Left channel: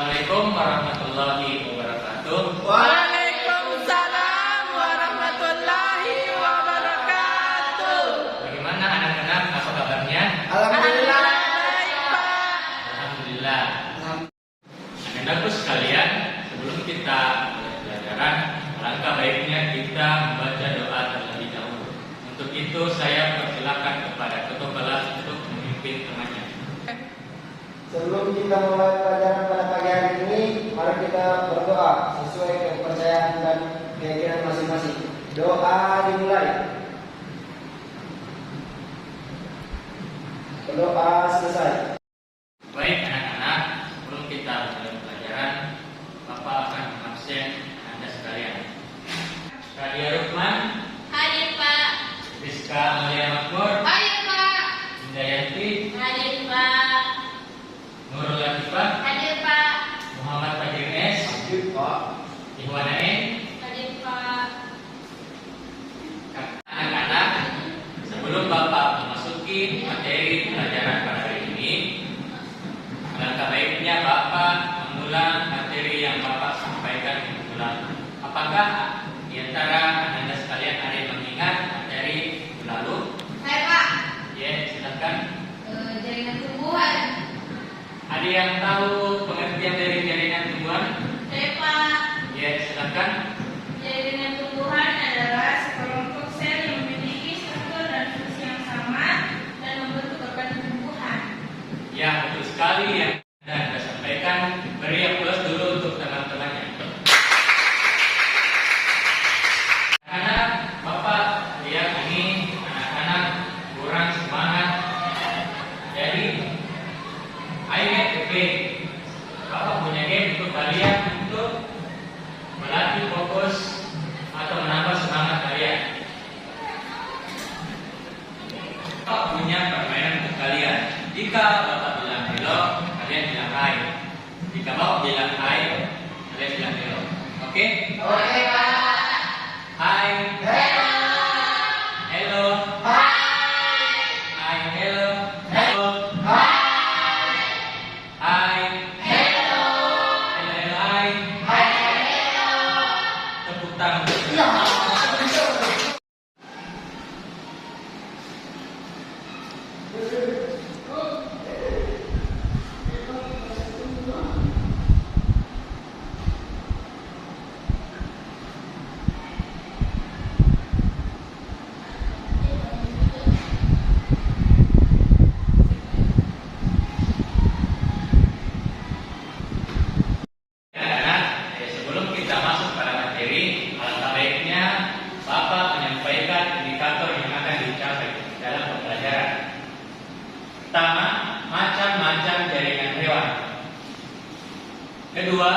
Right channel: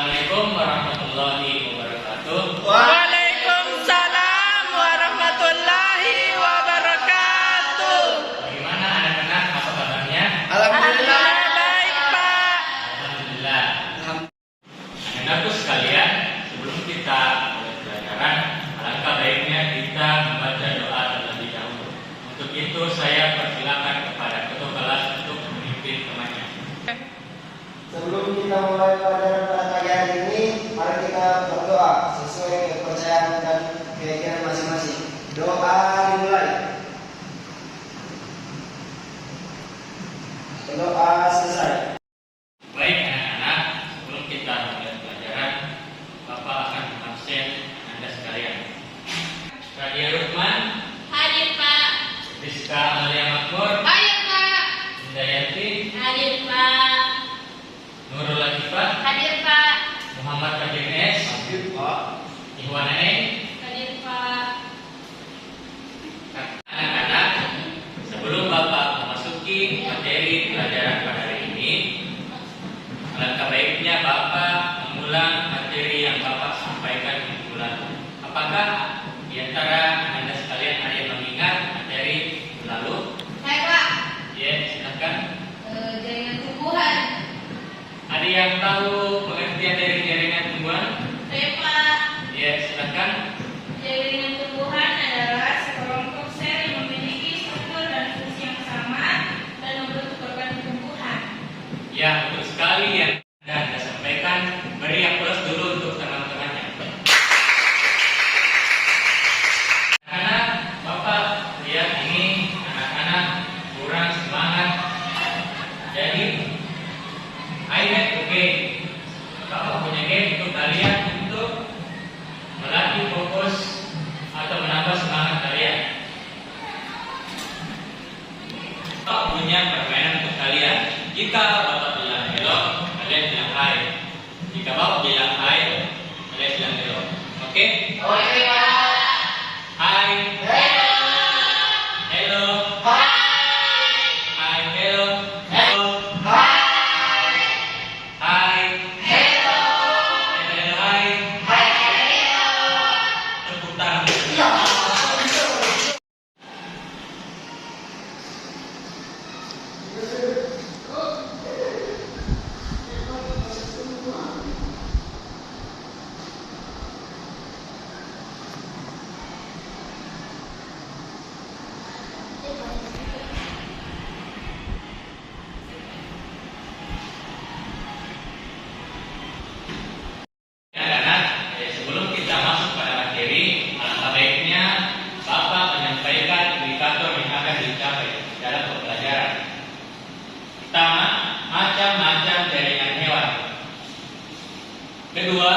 Assalamualaikum warahmatullahi wabarakatuh. Waalaikumsalam warahmatullahi wabarakatuh. Bagaimana anak-anak? Apa kabarnya? Alhamdulillah baik, Pak. Alhamdulillah. Anak-anakku sekalian, sebelum kita mulai pelajaran, alangkah baiknya kita membaca doa terlebih dahulu. Untuk itu saya persilakan kepada ketua kelas untuk memimpin temannya. Sebelum kita mulai pelajaran ini, mari kita berdoa sesuai kepercayaan dan keyakinan masing-masing. Doa dimulai. Berdoa selesai. Baik anak-anak, sebelum kita mulai pelajaran, Bapak akan mengabsen Anda sekalian. Radia Rukman, Hadir Pak. Rizka Amalia Makmur, Hadir Pak. Indayanti, Hadir Pak. Nurul Latifah, Hadir Pak. Muhammad Fajr S, Hadir Pak. Ihwan N. Hadir Pak. Anak-anak, sebelum Bapak memasuki materi pelajaran pada hari ini, alangkah baiknya Bapak mengulang materi yang Bapak sampaikan minggu lalu. Apakah di antara Anda sekalian ada yang mengingat materi minggu lalu? Saya Pak. Ya, silakan. Jaringan tumbuhan. Ada yang tahu pengertian dari jaringan tumbuhan? Saya Pak. Ya, silakan. Jaringan tumbuhan adalah sekelompok sel yang memiliki struktur dan fungsi yang sama dan membentuk organ tumbuhan. Ya, betul sekali yang Anda sampaikan. Beri aplaus dulu untuk teman-temannya. Anak-anak, Bapak lihat ini anak-anak kurang semangat. Jadi, akhirnya oke. Bapak punya game untuk kalian untuk melatih fokus atau menambah semangat kalian. Bapak punya permainan untuk kalian. Jika Bapak bilang hello, kalian bilang hai. Jika Bapak bilang hai, kalian bilang hello. Oke? Oke Pak. Hai. Hello. Hai. Hello. Hello. Hai. Hello. Hai. Tepuk tangan. Anak-anak, sebelum kita masuk pada materi, alangkah baiknya Bapak menyampaikan indikator yang akan dicapai dalam pembelajaran. Pertama, macam-macam jaringan hewan. Kedua,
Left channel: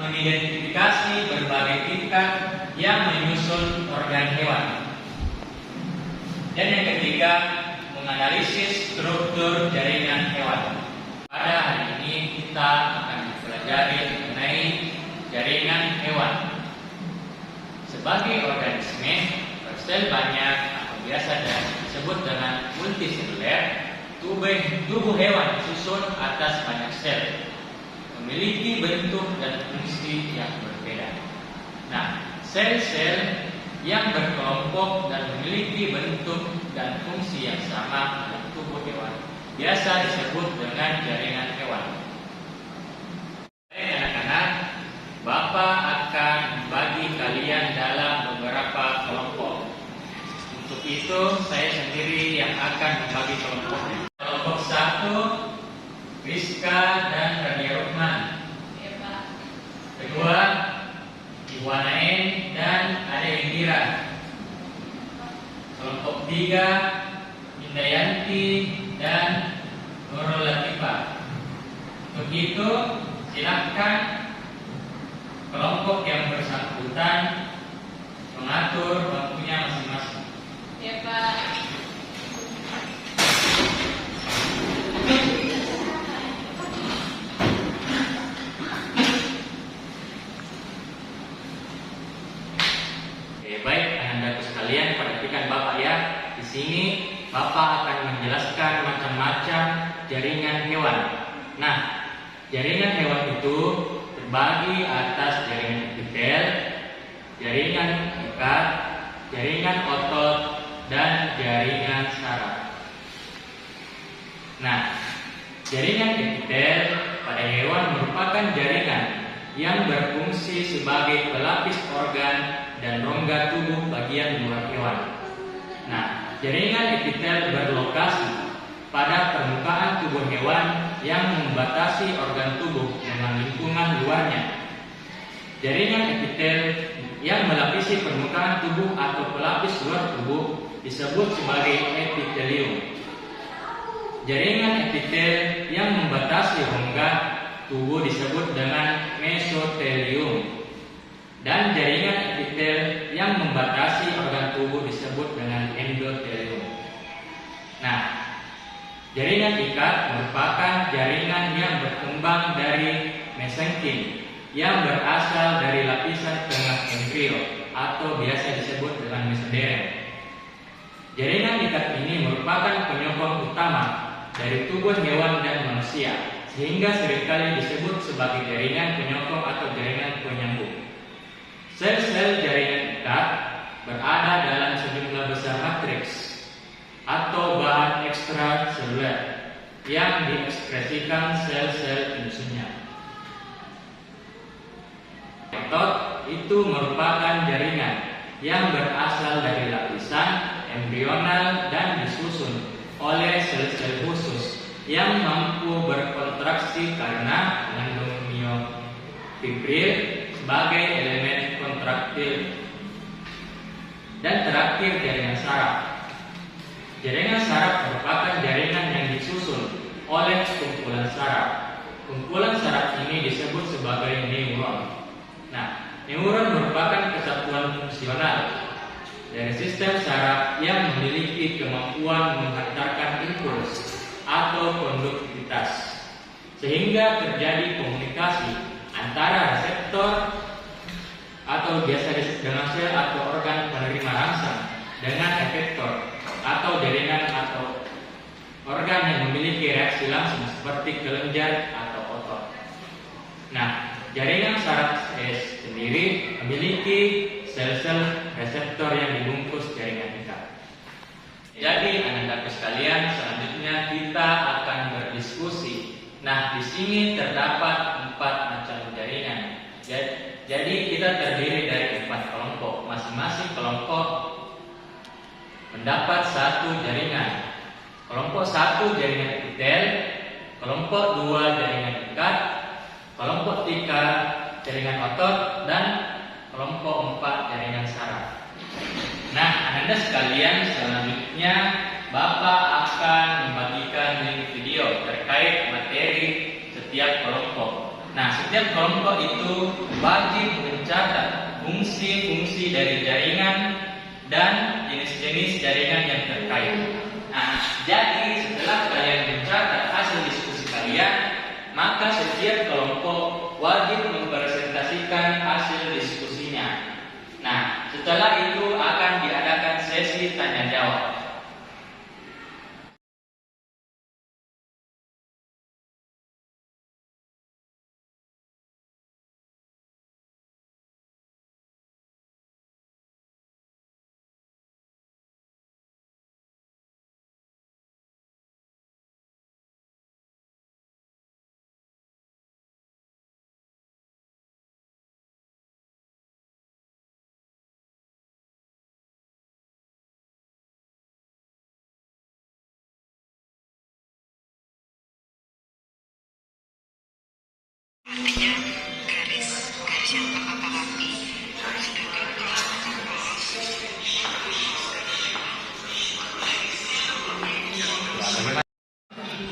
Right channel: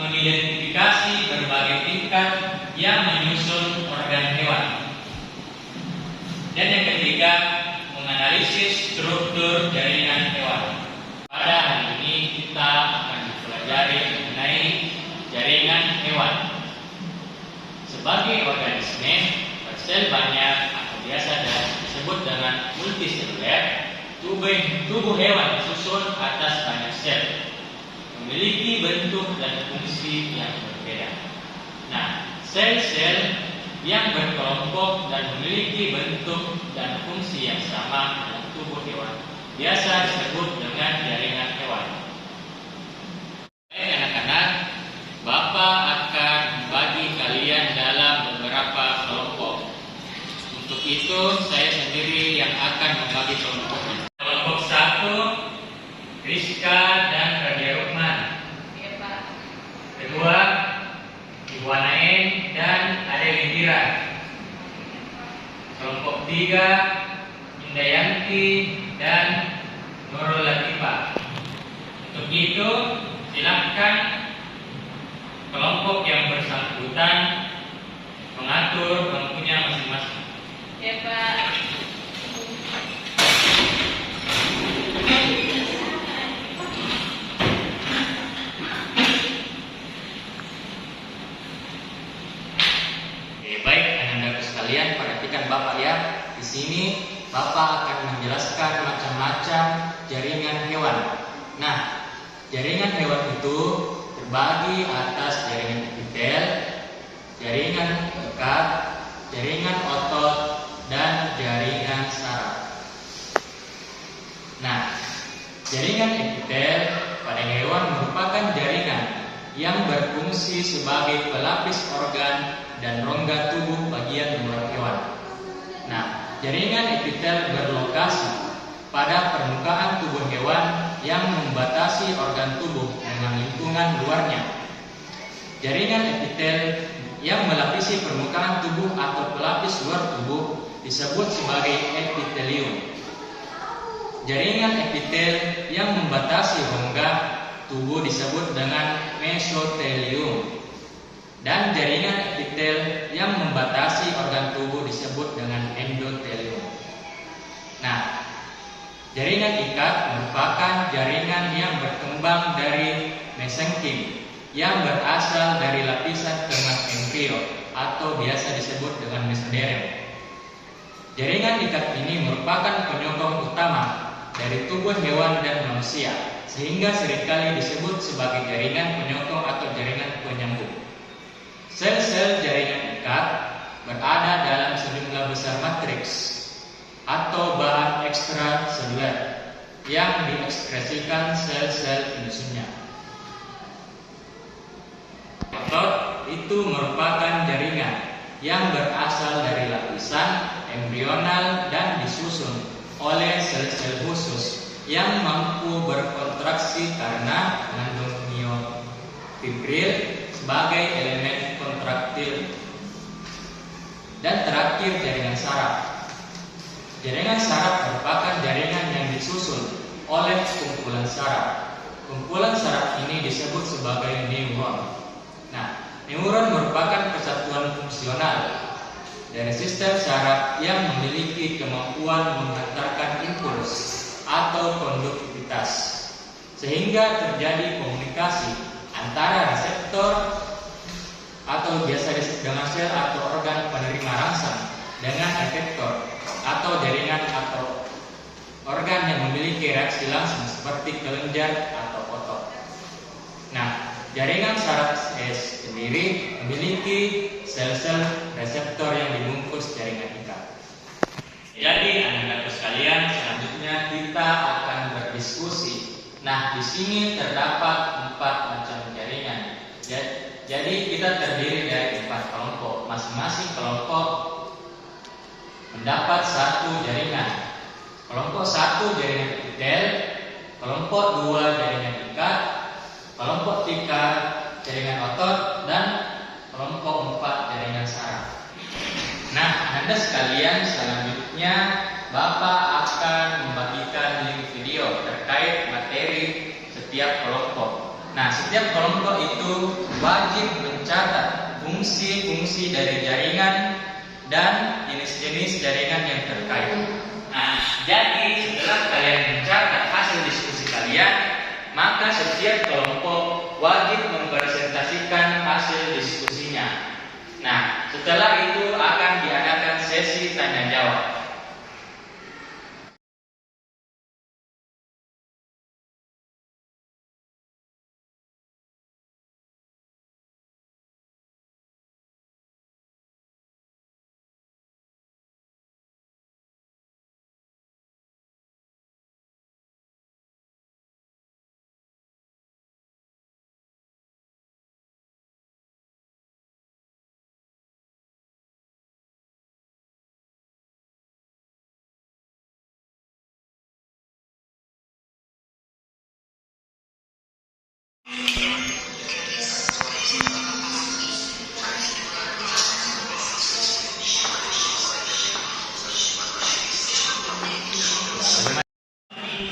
mengidentifikasi berbagai tingkat yang menyusun organ hewan. Dan yang ketiga, menganalisis struktur jaringan hewan. Pada hari ini kita akan mempelajari mengenai jaringan hewan. Sebagai organisme bersel banyak atau biasa disebut dengan multiseluler, tubuh hewan disusun atas banyak sel, memiliki bentuk dan fungsi yang berbeda. Nah, sel-sel yang berkelompok dan memiliki bentuk dan fungsi yang sama dalam tubuh hewan biasa disebut dengan jaringan hewan. Baik anak-anak, Bapak akan membagi kalian dalam beberapa kelompok. Untuk itu saya sendiri yang akan membagi kelompoknya. Kelompok 1, Rizka dan Radia Rukman. Iya Pak. Kedua, Iwana N dan Ade Indira. Kelompok 3, Indayanti dan Nurul Latifah. Untuk itu, silakan kelompok yang bersangkutan mengatur kelompoknya masing-masing. Iya Pak. Baik, anak-anakku sekalian, perhatikan Bapak ya. Di sini Bapak akan menjelaskan macam-macam jaringan hewan. Nah, jaringan hewan itu terbagi atas jaringan epitel, jaringan ikat, jaringan otot, dan jaringan saraf. Nah, jaringan epitel pada hewan merupakan jaringan yang berfungsi sebagai pelapis organ dan rongga tubuh bagian luar hewan. Nah, jaringan epitel berlokasi pada permukaan tubuh hewan yang membatasi organ tubuh dengan lingkungan luarnya. Jaringan epitel yang melapisi permukaan tubuh atau pelapis luar tubuh disebut sebagai epitelium. Jaringan epitel yang membatasi rongga tubuh disebut dengan mesotelium. Dan jaringan epitel yang membatasi organ tubuh disebut dengan endotelium. Nah, jaringan ikat merupakan jaringan yang berkembang dari mesenkim yang berasal dari lapisan tengah embrio atau biasa disebut dengan mesoderm. Jaringan ikat ini merupakan penyokong utama dari tubuh hewan dan manusia, sehingga seringkali disebut sebagai jaringan penyokong atau jaringan penyambung. Sel-sel jaringan ikat berada dalam sejumlah besar matriks atau bahan ekstraseluler yang diekspresikan sel-sel penyusunnya. Otot itu merupakan jaringan yang berasal dari lapisan embrional dan disusun oleh sel-sel khusus yang mampu berkontraksi karena mengandung miofibril sebagai elemen kontraktil. Dan terakhir, jaringan saraf. Jaringan saraf merupakan jaringan yang disusun oleh kumpulan saraf. Kumpulan saraf ini disebut sebagai neuron. Nah, neuron merupakan kesatuan fungsional dari sistem saraf yang memiliki kemampuan menghantarkan impuls atau konduktivitas, sehingga terjadi komunikasi antara reseptor atau biasa disebut dengan sel atau organ penerima rangsang dengan efektor atau jaringan atau organ yang memiliki reaksi langsung seperti kelenjar atau otot. Nah, jaringan saraf sendiri memiliki sel-sel reseptor yang dibungkus jaringan ikat. Jadi, anak-anakku sekalian, selanjutnya kita akan berdiskusi. Nah, di sini terdapat 4 macam jaringan. Jadi kita terdiri dari 4 kelompok. Masing-masing kelompok mendapat 1 jaringan. Kelompok 1 jaringan epitel, kelompok 2 jaringan ikat, kelompok 3 jaringan otot, dan kelompok 4 jaringan saraf. Nah, Anda sekalian, selanjutnya Bapak akan membagikan link video terkait materi setiap kelompok. Nah, setiap kelompok itu wajib mencatat fungsi-fungsi dari jaringan dan jenis-jenis jaringan yang terkait. Nah, jadi setelah kalian mencatat hasil diskusi kalian, maka setiap kelompok wajib mempresentasikan hasil diskusinya. Nah, setelah itu akan diadakan sesi tanya jawab.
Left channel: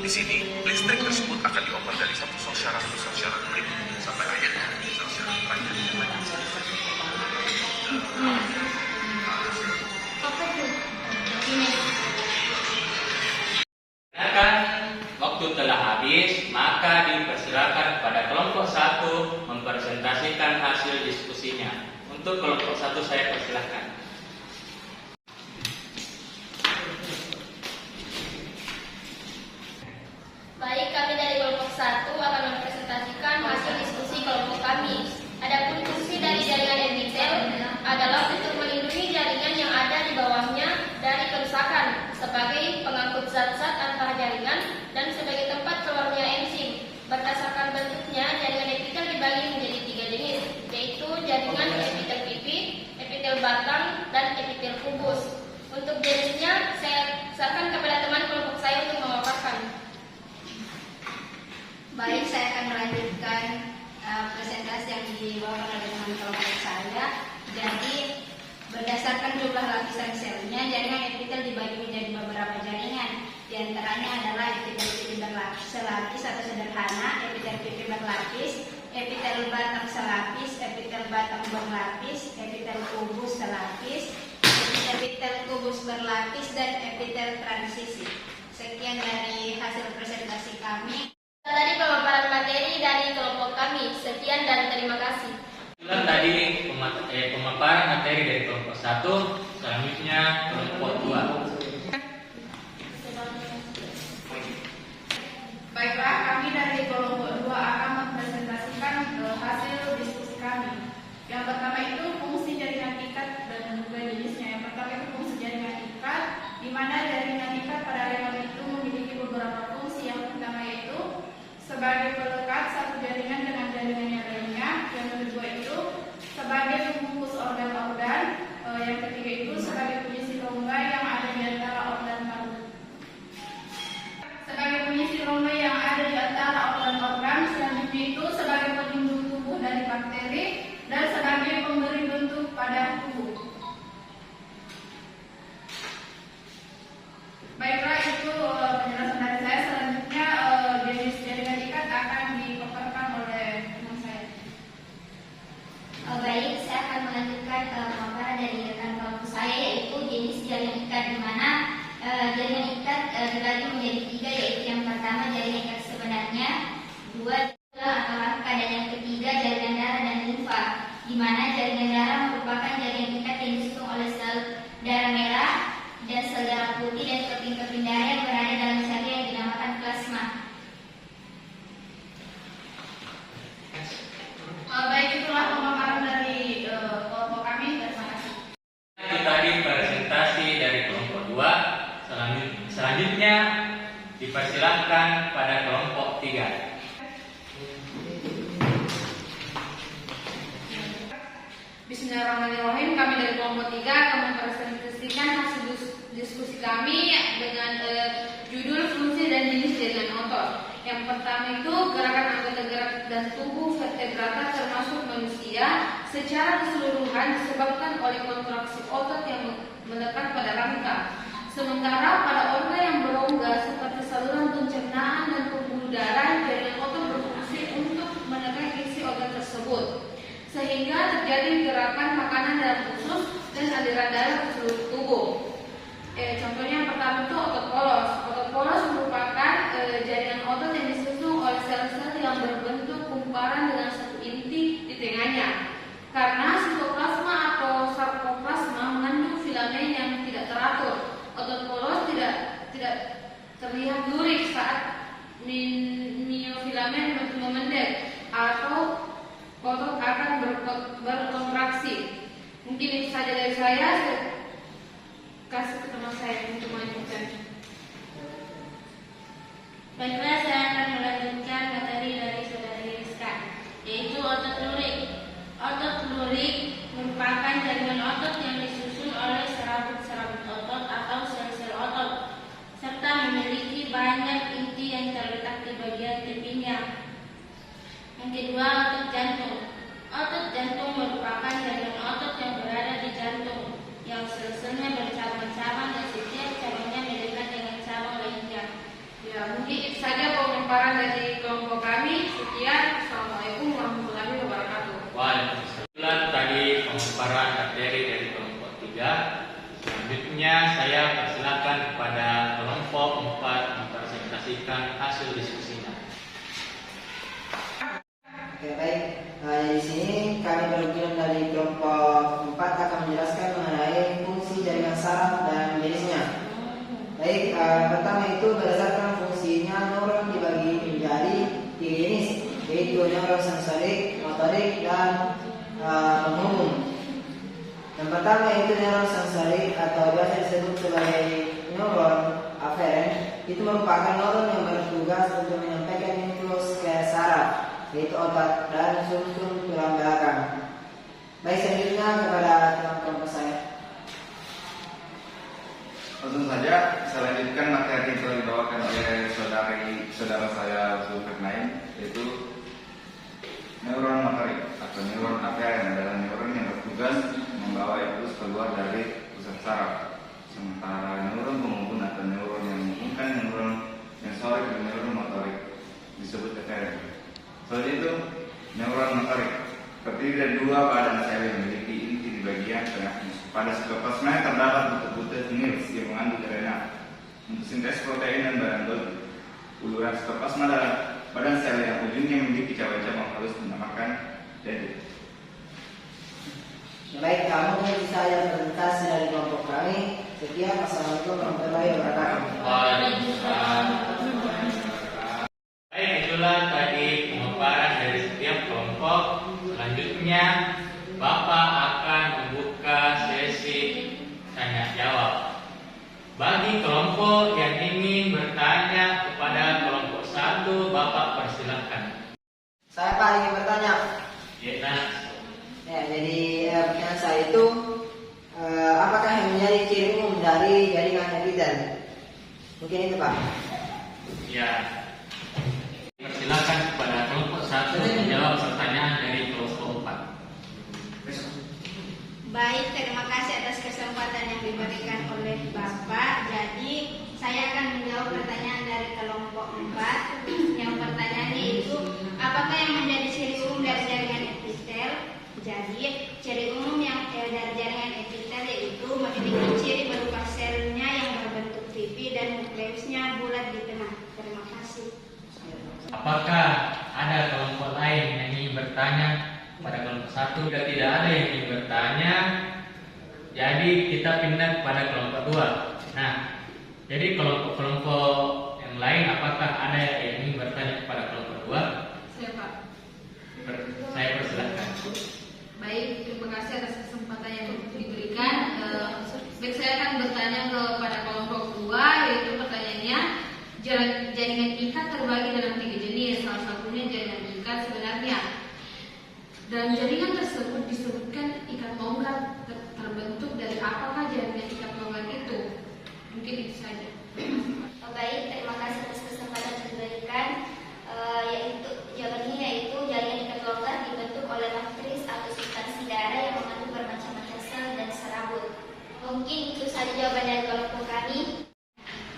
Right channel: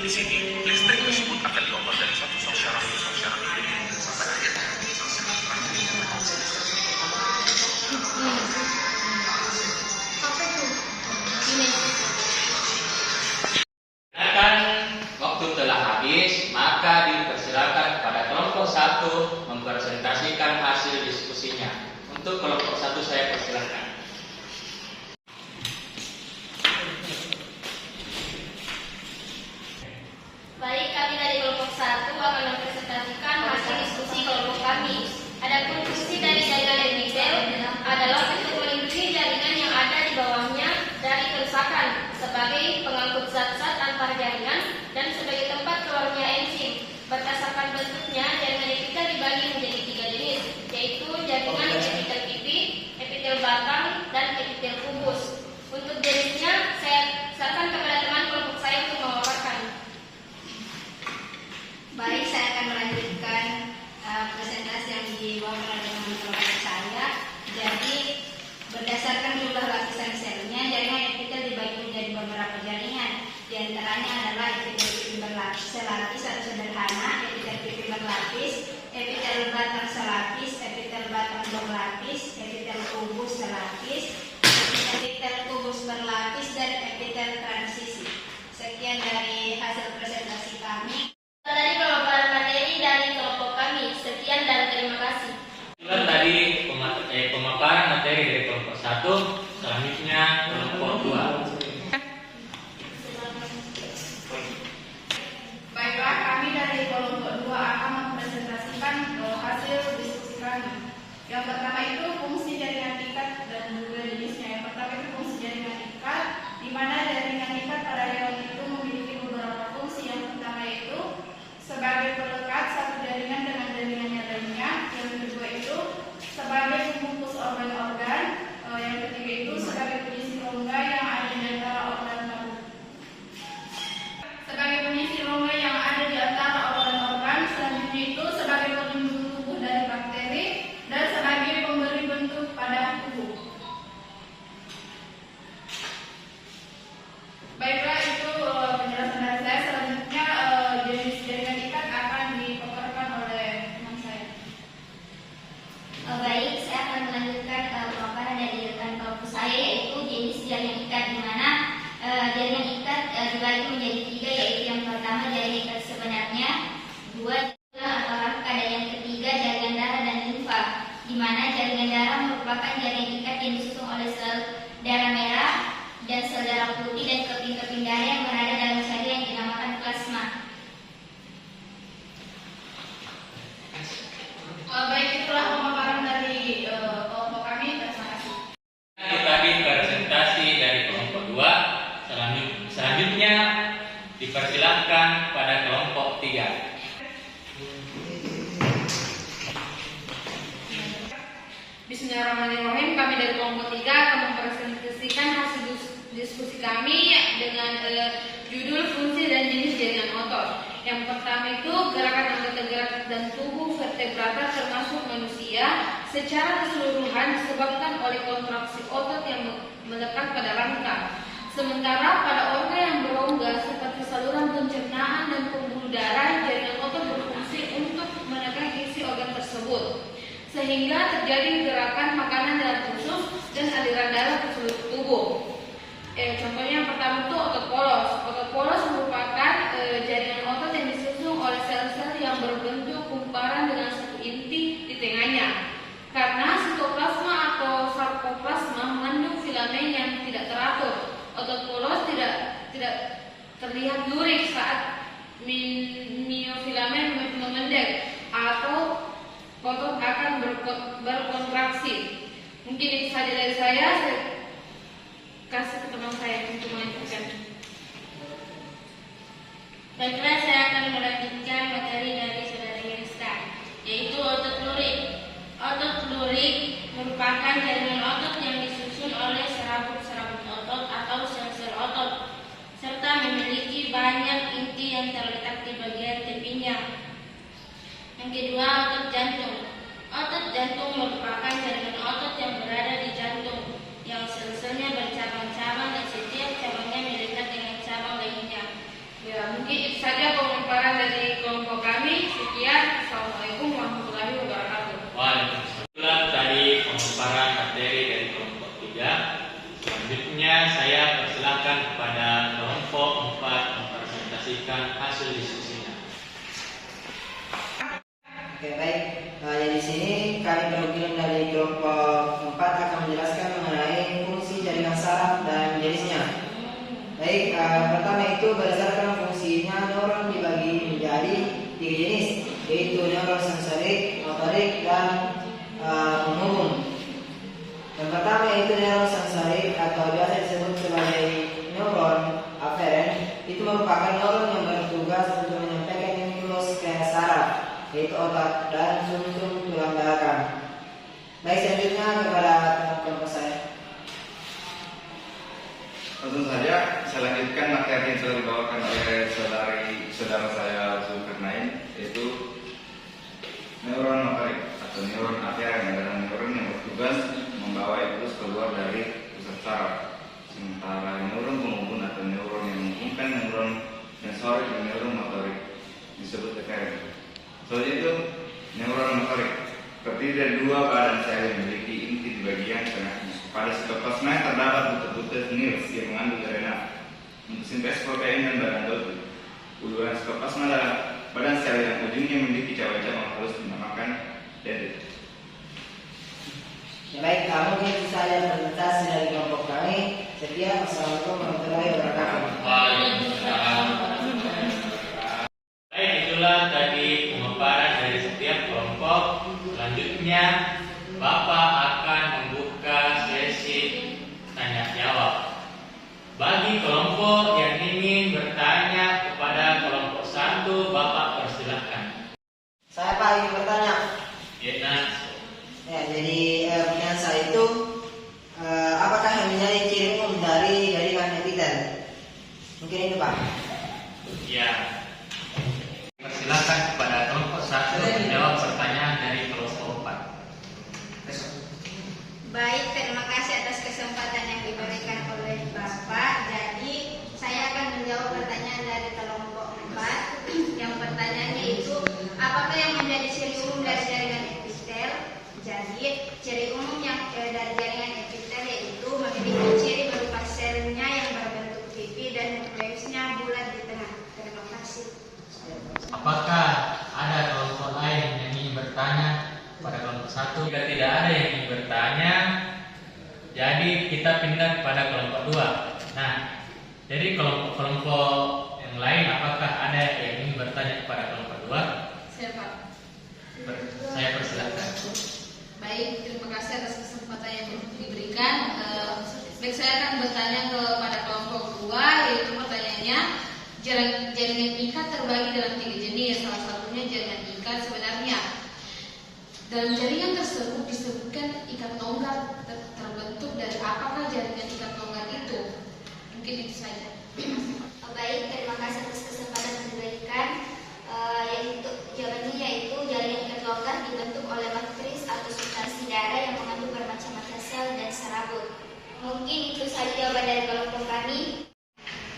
Di sini, listrik tersebut akan dioper dari satu sel syaraf ke sel syaraf berikutnya sampai akhirnya sel syaraf terakhir dinyatakan selesai. Karena waktu telah habis, maka dipersilakan pada kelompok 1 mempresentasikan hasil diskusinya. Untuk kelompok 1 saya persilahkan. Baik, kami dari kelompok 1 akan mempresentasikan Untuk jenisnya, saya serahkan kepada teman kelompok saya untuk memaparkan. Baik, saya akan melanjutkan presentasi yang dibawakan oleh teman kelompok saya. Jadi, berdasarkan jumlah lapisan selnya, jaringan epitel dibagi menjadi beberapa jaringan. Di antaranya adalah epitel pipi berlapis selapis atau sederhana, epitel pipi berlapis, epitel batang selapis, epitel batang berlapis, epitel kubus selapis, epitel kubus berlapis, dan epitel transisi. Sekian dari hasil presentasi kami. Tadi pemaparan materi dari kelompok kami. Sekian dan terima kasih. Itulah tadi pemaparan materi dari kelompok 1, selanjutnya kelompok 2. Baiklah, kami dari kelompok 2 akan mempresentasikan hasil diskusi kami. Yang pertama itu fungsi jaringan ikat dan juga jenisnya. Yang pertama itu fungsi jaringan ikat, di mana jaringan ikat pada hewan itu memiliki beberapa fungsi. Yang pertama itu sebagai pelekat satu jaringan dengan jaringan yang lainnya. Yang kedua itu sebagai pembungkus organ-organ. Yang ketiga itu sebagai pengisi rongga yang ada di antara organ paru. Sebagai pengisi rongga yang ada di antara organ-organ, selanjutnya itu sebagai pelindung tubuh dari bakteri dan sebagai pemberi bentuk pada tubuh. Baiklah, itu penjelasan dari saya. Selanjutnya jenis jaringan ikat akan dipaparkan oleh teman saya. Baik, saya akan melanjutkan pemaparan dari rekan kelompok saya, yaitu jenis jaringan ikat, di mana jaringan ikat dibagi menjadi 3, yaitu yang pertama jaringan ikat sebenarnya, 2 atau rangka, dan yang ketiga jaringan darah dan limfa, di mana jaringan darah merupakan jaringan ikat yang disusun oleh sel darah merah dan sel darah putih dan keping-keping darah yang berada dalam sel yang dinamakan plasma. Baik, itulah pemaparan dari kelompok kami. Terima kasih. Itu tadi presentasi dari kelompok 2. Selanjutnya dipersilahkan pada kelompok 3. Bismillahirrahmanirrahim. Kami dari kelompok 3 akan mempresentasikan hasil diskusi kami dengan judul fungsi dan jenis jaringan otot. Yang pertama itu gerakan anggota gerak dan tubuh vertebrata termasuk manusia secara keseluruhan disebabkan oleh kontraksi otot yang melekat pada rangka. Sementara pada organ yang berongga seperti saluran pencernaan dan pembuluh darah, jaringan otot berfungsi untuk menekan isi organ tersebut, sehingga terjadi gerakan makanan dalam usus dan aliran darah ke seluruh tubuh. Contohnya yang pertama itu otot polos. Otot polos merupakan jaringan otot yang disusun oleh sel-sel yang berbentuk kumparan dengan satu inti di tengahnya. Karena sitoplasma atau sarkoplasma mengandung filamen yang tidak teratur, otot polos tidak terlihat lurik saat miofilamen memendek atau otot akan berkontraksi. Mungkin itu saja dari saya kasih ke teman saya untuk melanjutkan. Baiklah, saya akan melanjutkan materi dari saudari Rizka, yaitu otot lurik. Otot lurik merupakan jaringan otot yang disusun oleh serabut-serabut otot atau sel-sel otot, serta memiliki banyak inti yang terletak di bagian tepinya. Yang kedua, otot jantung. Otot jantung merupakan jaringan otot yang berada di jantung, yang sel-selnya bercabang-cabang dan setiap cabangnya melekat dengan cabang lainnya. Ya, mungkin itu saja pemaparan dari kelompok kami. Sekian. Assalamualaikum warahmatullahi wabarakatuh. Waalaikumsalam. Tadi pemaparan materi dari kelompok 3. Selanjutnya saya persilakan kepada kelompok 4 mempresentasikan hasil diskusinya. Oke, baik. Di sini kami perwakilan dari kelompok 4 akan menjelaskan mengenai fungsi jaringan saraf dan jenisnya. Baik, pertama itu berdasarkan fungsinya neuron dibagi menjadi 3 jenis, yaitu neuron sensorik, motorik, dan penghubung. Yang pertama itu neuron sensorik atau biasa disebut sebagai neuron aferen. Itu merupakan neuron yang bertugas untuk menyampaikan impuls ke saraf, yaitu otak dan sumsum tulang belakang. Baik, selanjutnya kepada kelompok saya. Langsung saja saya lanjutkan materi yang telah dibawakan oleh saudara saya Zulkarnain, yaitu neuron motorik atau neuron arteri adalah neuron yang bertugas membawa impuls keluar dari pusat saraf. Sementara neuron penghubung atau neuron yang menghubungkan neuron sensorik dan neuron motorik disebut eferen. Selanjutnya itu neuron motorik terdiri dari dua badan sel yang memiliki inti di bagian tengahnya. Pada sitoplasma terdapat butir-butir nils yang mengandung RNA untuk sintesis protein dan bahan doping. Uluran sitoplasma dalam badan sel yang ujungnya memiliki cabang-cabang halus dinamakan dendrit. Baik, mungkin bisa lihat presentasi dari kelompok kami. Sekian, wassalamualaikum warahmatullahi wabarakatuh. Waalaikumsalam. Baik, itulah tadi pemaparan dari setiap kelompok. Selanjutnya Bapak akan membuka sesi tanya jawab. Bagi kelompok yang ingin bertanya kepada kelompok 1, Bapak persilahkan. Saya Pak ingin bertanya. Ya, Jadi pertanyaan saya itu apakah yang menjadi ciri umum dari jaringan epitel? Mungkin itu Pak. ya. Persilahkan kepada kelompok 1 menjawab pertanyaan dari kelompok 4. Baik, terima kasih atas kesempatan yang diberikan oleh Bapak. Jadi, saya akan menjawab pertanyaan dari kelompok 4. Yang pertanyaannya itu, apakah yang menjadi ciri umum dari jaringan epitel? Jadi, ciri umum yang dari jaringan epitel yaitu memiliki ciri berupa selnya yang berbentuk pipi dan nukleusnya bulat di tengah. Terima kasih. Apakah ada kelompok lain yang ingin bertanya pada kelompok 1? Jika tidak ada yang ingin bertanya, jadi kita pindah kepada kelompok 2. Nah, jadi kelompok yang lain, apakah ada yang ingin bertanya kepada kelompok 2? Siapa? Saya persilakan. Baik, terima kasih atas kesempatan yang diberikan. Baik, saya akan bertanya kepada kelompok 2, yaitu pertanyaannya, jaringan ikat terbagi dalam 3 jenis. Salah satunya jaringan ikat sebenarnya. Dalam jaringan tersebut disebutkan ikat tongkat. Terbentuk dari apakah jaringan ikat tongkat itu? Mungkin itu saja. Baik, terima kasih atas kesempatan yang diberikan. Jawabannya yaitu jaringan ikat longgar dibentuk oleh matris atau substansi darah yang mengandung bermacam-macam sel dan serabut. Mungkin itu saja jawaban dari kelompok kami.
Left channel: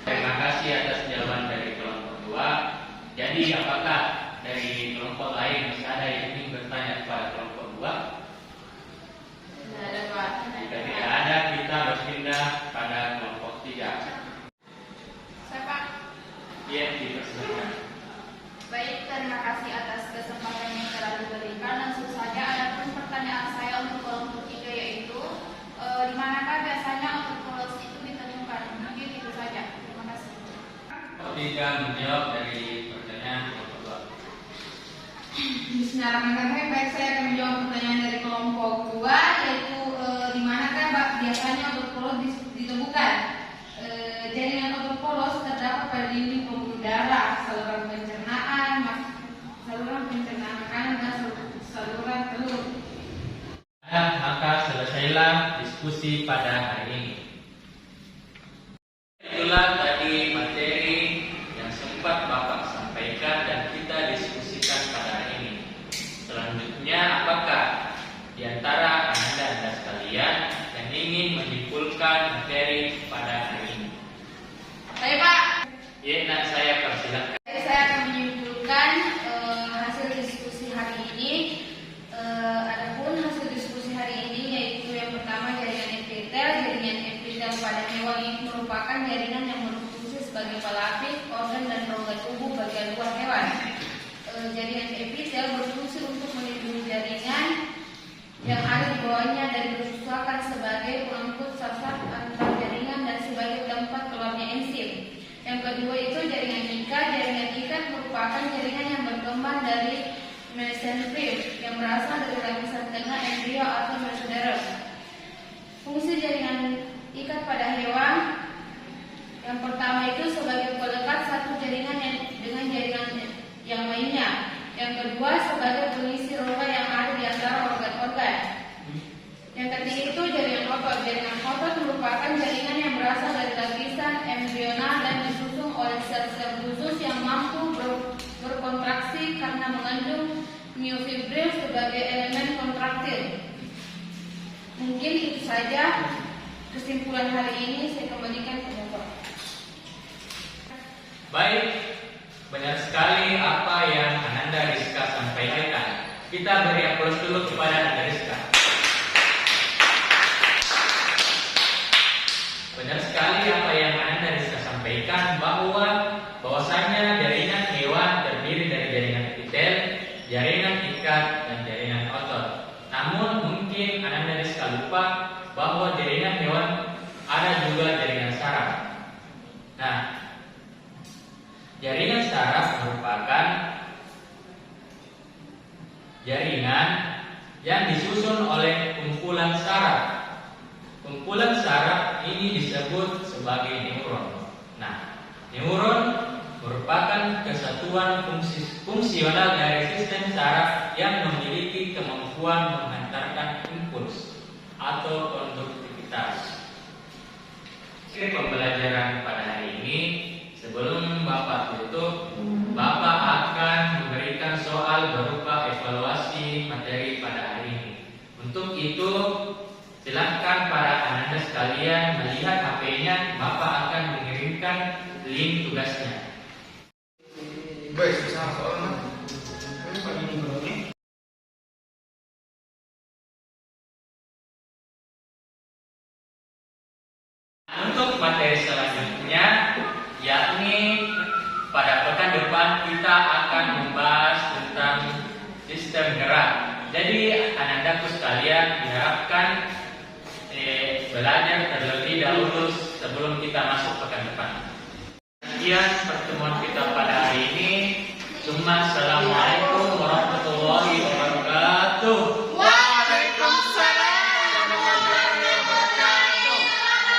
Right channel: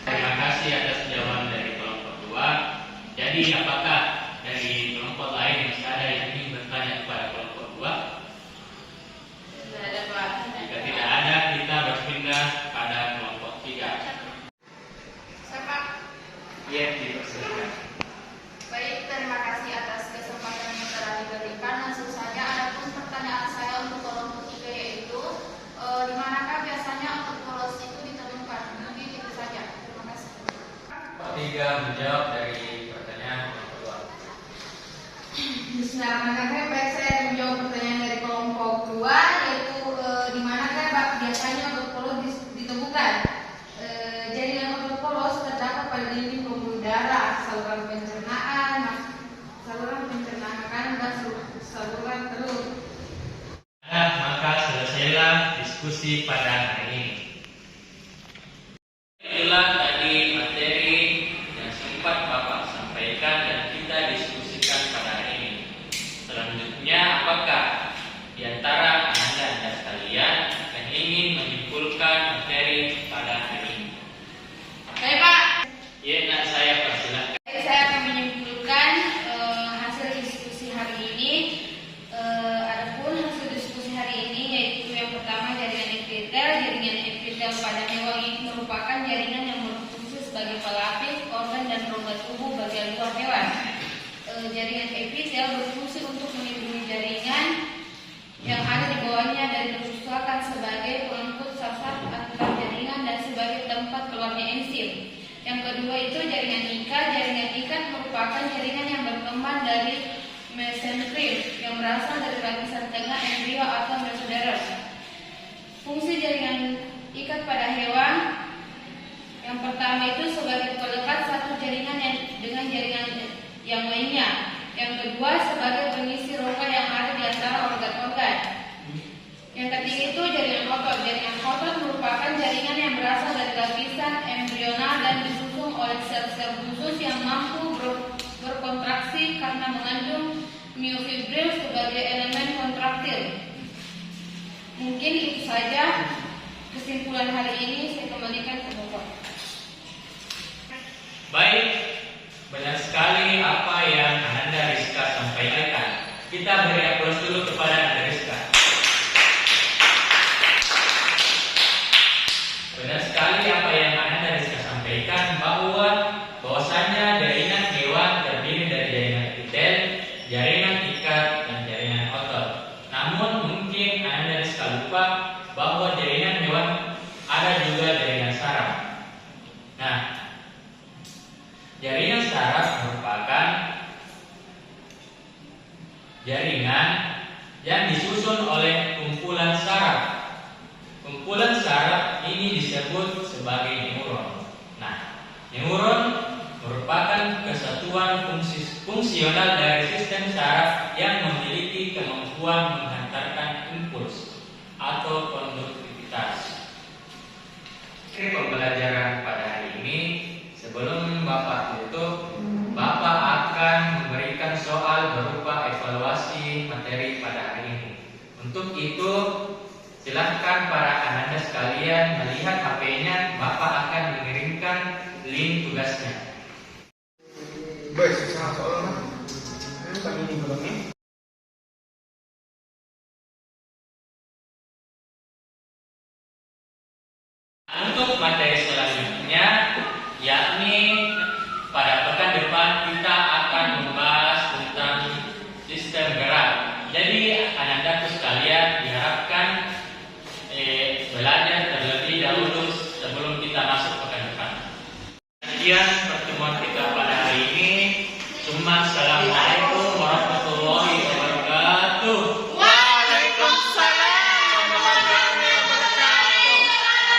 Terima kasih atas jawaban dari kelompok 2. Jadi apakah dari kelompok lain masih ada yang ingin bertanya kepada kelompok 2? Tidak ada, Pak. Jika tidak ada, kita berpindah pada kelompok 3. Siapa? Ya, dipersilakan. Baik, terima kasih atas kesempatan yang telah diberikan. Langsung saja, adapun pertanyaan saya untuk kelompok 3 yaitu di manakah biasanya otot polos itu ditemukan? Mungkin itu saja. Terima kasih. Kelompok 3 menjawab dari pertanyaan kelompok 2. Bismillahirrahmanirrahim. Baik, saya akan menjawab pertanyaan dari kelompok 2 yaitu di manakah biasanya otot polos ditemukan? Jaringan otot polos terdapat pada dinding pembuluh darah, saluran pencernaan makanan dan saluran telur. Maka selesailah diskusi pada hari ini. Itulah tadi materi yang sempat Bapak sampaikan dan kita diskusikan pada hari ini. Selanjutnya, apakah di antara Anda sekalian yang ingin menyimpulkan materi pada hari ini? Baik, Pak. Ya, saya persilakan. Saya akan menyimpulkan hasil diskusi hari ini. Adapun hasil diskusi hari ini yaitu yang pertama jaringan epitel. Jaringan epitel pada hewan ini merupakan jaringan yang berfungsi sebagai pelapis organ dan rongga tubuh bagian luar hewan. Jaringan epitel berfungsi untuk melindungi jaringan yang ada di bawahnya dari bersesuaian sebagai pengangkut sasar antar jaringan dan sebagai tempat keluarnya enzim. Yang kedua itu jaringan ikat. Jaringan ikat merupakan jaringan yang berkembang dari mesenterim yang berasal dari lapisan tengah embrio atau mesoderm. Fungsi jaringan ikat pada hewan yang pertama itu sebagai pelekat satu jaringan dengan jaringan yang lainnya. Yang kedua sebagai pengisi rongga yang ada di antara organ-organ. Yang ketiga itu jaringan otot. Jaringan otot merupakan jaringan yang berasal dari lapisan embrional dan disusun oleh sel-sel khusus yang mampu berkontraksi karena mengandung myofibril sebagai elemen kontraktil. Mungkin itu saja kesimpulan hari ini. Saya kembalikan ke Bapak. Baik, banyak sekali apa yang Ananda Rizka sampaikan. Kita beri aplaus dulu kepada Ananda Rizka. Benar sekali apa yang Ananda Rizka sampaikan, bahwasanya jaringan hewan terdiri dari jaringan epitel, jaringan ikat, dan jaringan otot. Namun mungkin Ananda Rizka lupa bahwa jaringan hewan ada juga jaringan saraf. Nah, jaringan saraf merupakan jaringan yang disusun oleh kumpulan saraf. Kumpulan saraf ini disebut sebagai neuron. Nah, neuron merupakan kesatuan fungsional dari sistem saraf yang memiliki kemampuan menghantarkan impuls atau konduktivitas. Pembelajaran pada hari ini, sebelum Bapak tutup, Bapak akan memberikan soal berupa evaluasi materi pada hari ini. Untuk itu, silahkan para Ananda sekalian melihat HP-nya, Bapak akan mengirimkan link tugasnya. Baik, soalnya. Untuk materi selanjutnya, yakni pada pekan depan kita akan membahas tentang sistem gerak. Jadi Anandaku sekalian diharapkan belajar terlebih dahulu sebelum kita masuk pekan depan. Sekian pertemuan kita pada hari ini. Assalamualaikum